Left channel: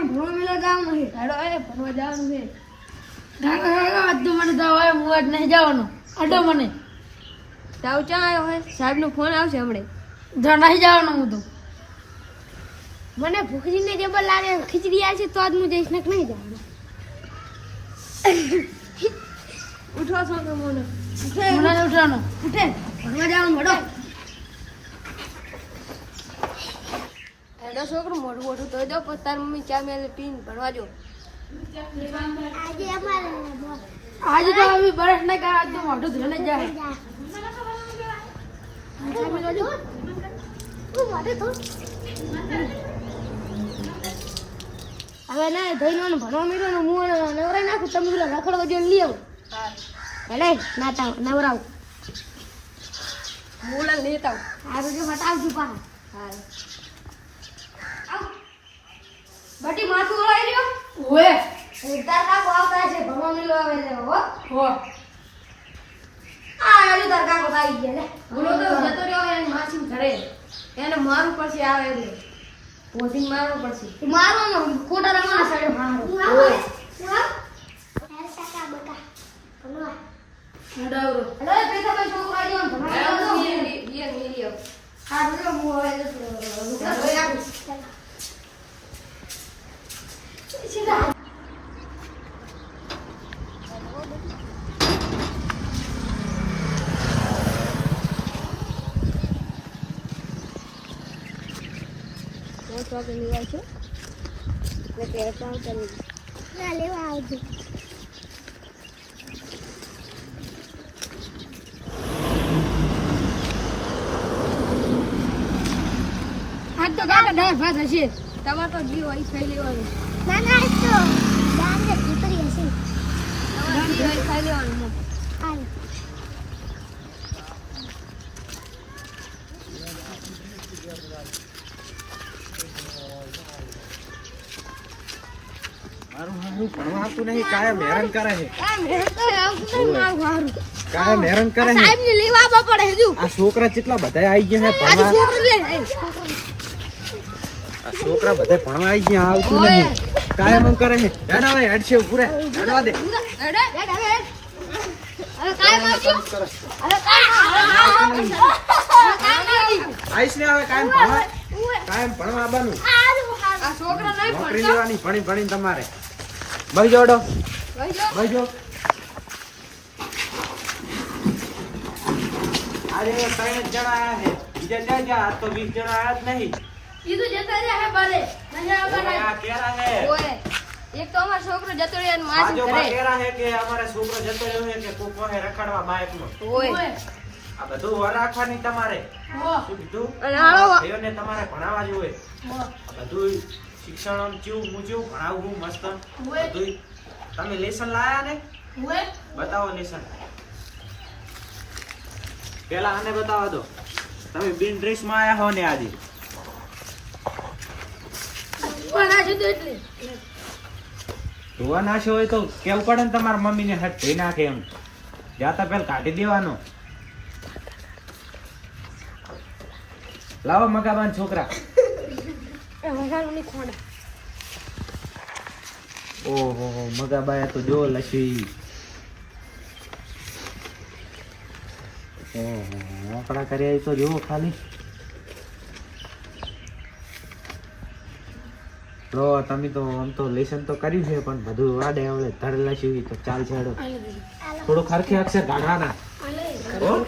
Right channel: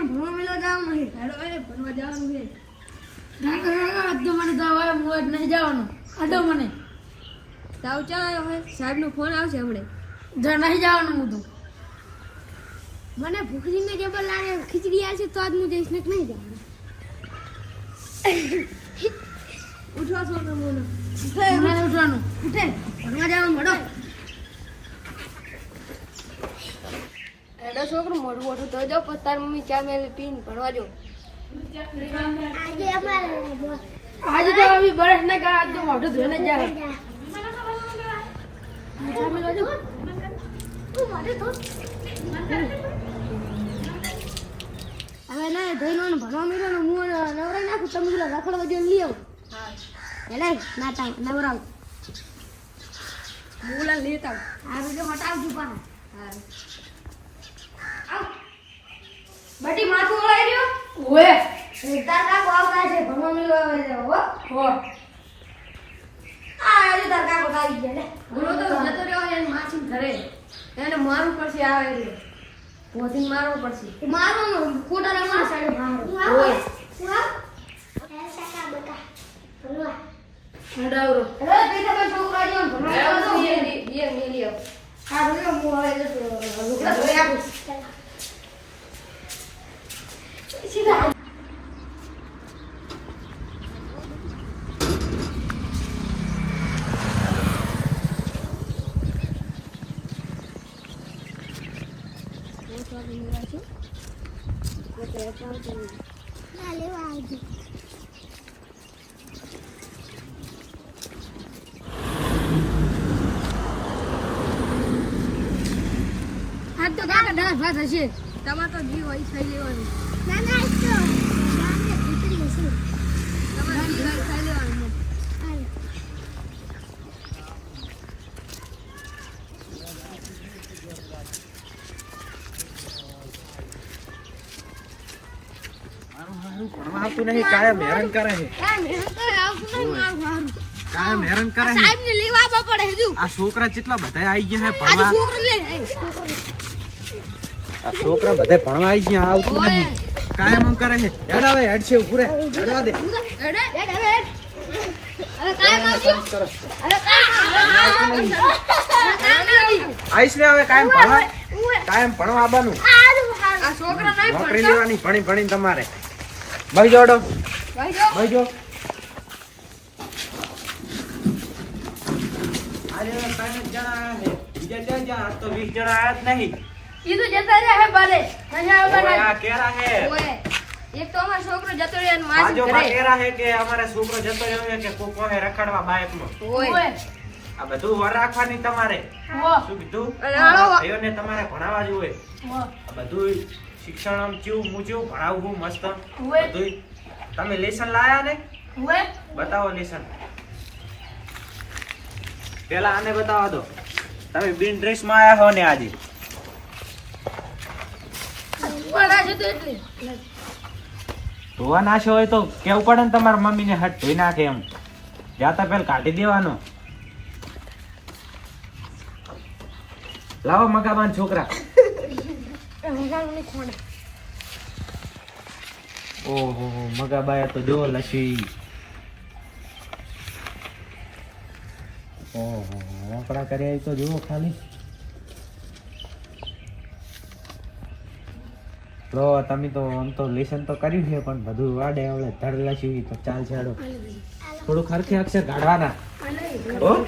છોકરો ભણવા મેલા જવાનું છે ધાડો એ ભણવા જવાનું છે ધાડો તો મને તો હવે મુવાડ નહીં જવાનું અડો મને તાવ ચા આવ્યો હોય સાહેબનો ફોન આવશે હમણે જો નહીં જવાનું હું તો મને ભૂખરીને કેબલ લાગે ખીચડી આવશે તો આજ હું જઈશ નક નહીં જવાનું ઉઠો છોકરો મને ઉઠે નહીં ઉઠવાનું ઉઠે ભણવા જવાનું હડો એડો છોકરો મોટું મોટું તો દો પછી તાર મમ્મી ચા મેં પીને ભણવા જો આજે તો અભી બરસ નહીં કરા આજ તો મોઢું ધોઈને જ જાય હવે ના ધૈર્યનું ભણવા મળ્યો ને હું નવરાઈ નાખું તમે પેલા રખડવા દે લઈ આવું ભલે ના તા નવરાવ હું લેતા આ બધું હટાવજો પાછા હા બટી માથું ઓળાઈ રહ્યો ઓએ તાર કાકો આવતા છે ભણવા મળ્યો આવે છે હો આ એલી તાર કાકો આવી ગયા ને બોલો તો જતો રહ્યો એને માસી ઘરે એને મારું પડશે આવે રે પોતીને મારવું પડશે મારવાનો ખોટા રમવા સાઈડ મારો ઓય કાકા બટા ભણવા હડાવરો અરે તે તો કોઈ છોકરો આવ્યો ભણવા યે મિલિયો આ બધું મોળાઈ જશે ઓય આપું સીધા ચોકડી લેવા છે એટલે કે પણ કરી ના લેવા આવજો આજ તો કાકા દાળ ભાત હશે તમારે તો જીવ હોય ખાઈ લેવાનું ના ના તો દાળ ને ખીચડી હશે તમારે જીવ હોય ખાઈ લેવાનું હાલ ભણવા આવતું નહીં કાયમ હેરાન કરે છે કાયમ હેરાન કરે છે સાહેબ ને લેવા આવવા પડે હજુ આ છોકરા કેટલા બધા આવી ગયા છે ભણવા છોકરો લે આ છોકરા બધા ભણવા આવી ગયા આવતું નહીં કાયમ એમ કરે છે હેડ આવે હેડ છે પૂરે હેડવા દે હવે કાઈ આવજો હવે આઈસ ને હવે કાયમ ભણવા આવવાનું આ છોકરા નહીં નોકરી લેવાની ભણી ભણીને તમારે ભાઈ જોડો ભાઈ જો આજે 3 જણા આયા છે બીજા જા આ તો 20 જણા આયા જ નહીં ઈ તો જતા રહ્યા હે બાલે નહીં આવવાના આ કેરા છે ઓય એક તો અમારો છોકરો જતો રહ્યો ને માસી બાજો ઘરે કેરા છે કે અમારે છોકરો જતો રહ્યો છે કે કોકો હે રખડવા બાઇકમાં ઓય આ બધું વર રાખવાની તમારે હો શું કીધું અરે હાલો. ભાઈઓને તમારે ભણાવવા જોઈએ હો આ બધું શિક્ષણ આમ ચીવું મૂચું ભણાવવું મસ્ત ઓય બધું તમે લેસન લાયા ને ઓય બતાવો લેસન પેલા આને બતાવો દો તમે બિન ડ્રેસ માં આયા હો ને આજે બોલા છે તો એટલે ધોવા નાખ્યો હોય તો કેવું પડે ને તમારા મમ્મીને હાથ ધોઈ નાખે એમ જાતા પેલ કાઢી દેવાનો લાવો મગાબાન છોકરા ઓહો મગાબાયા તો જો લસી ઓહો આપણા કર્યા તો જુઓ ખાલી લો તમે તો આમ તો લેસન તો કર્યું છે પણ બધું વાડે આવડે ધડલા સીવી તો ચાલ છેડો થોડું ખરખી અક્ષર કાઢવાના હો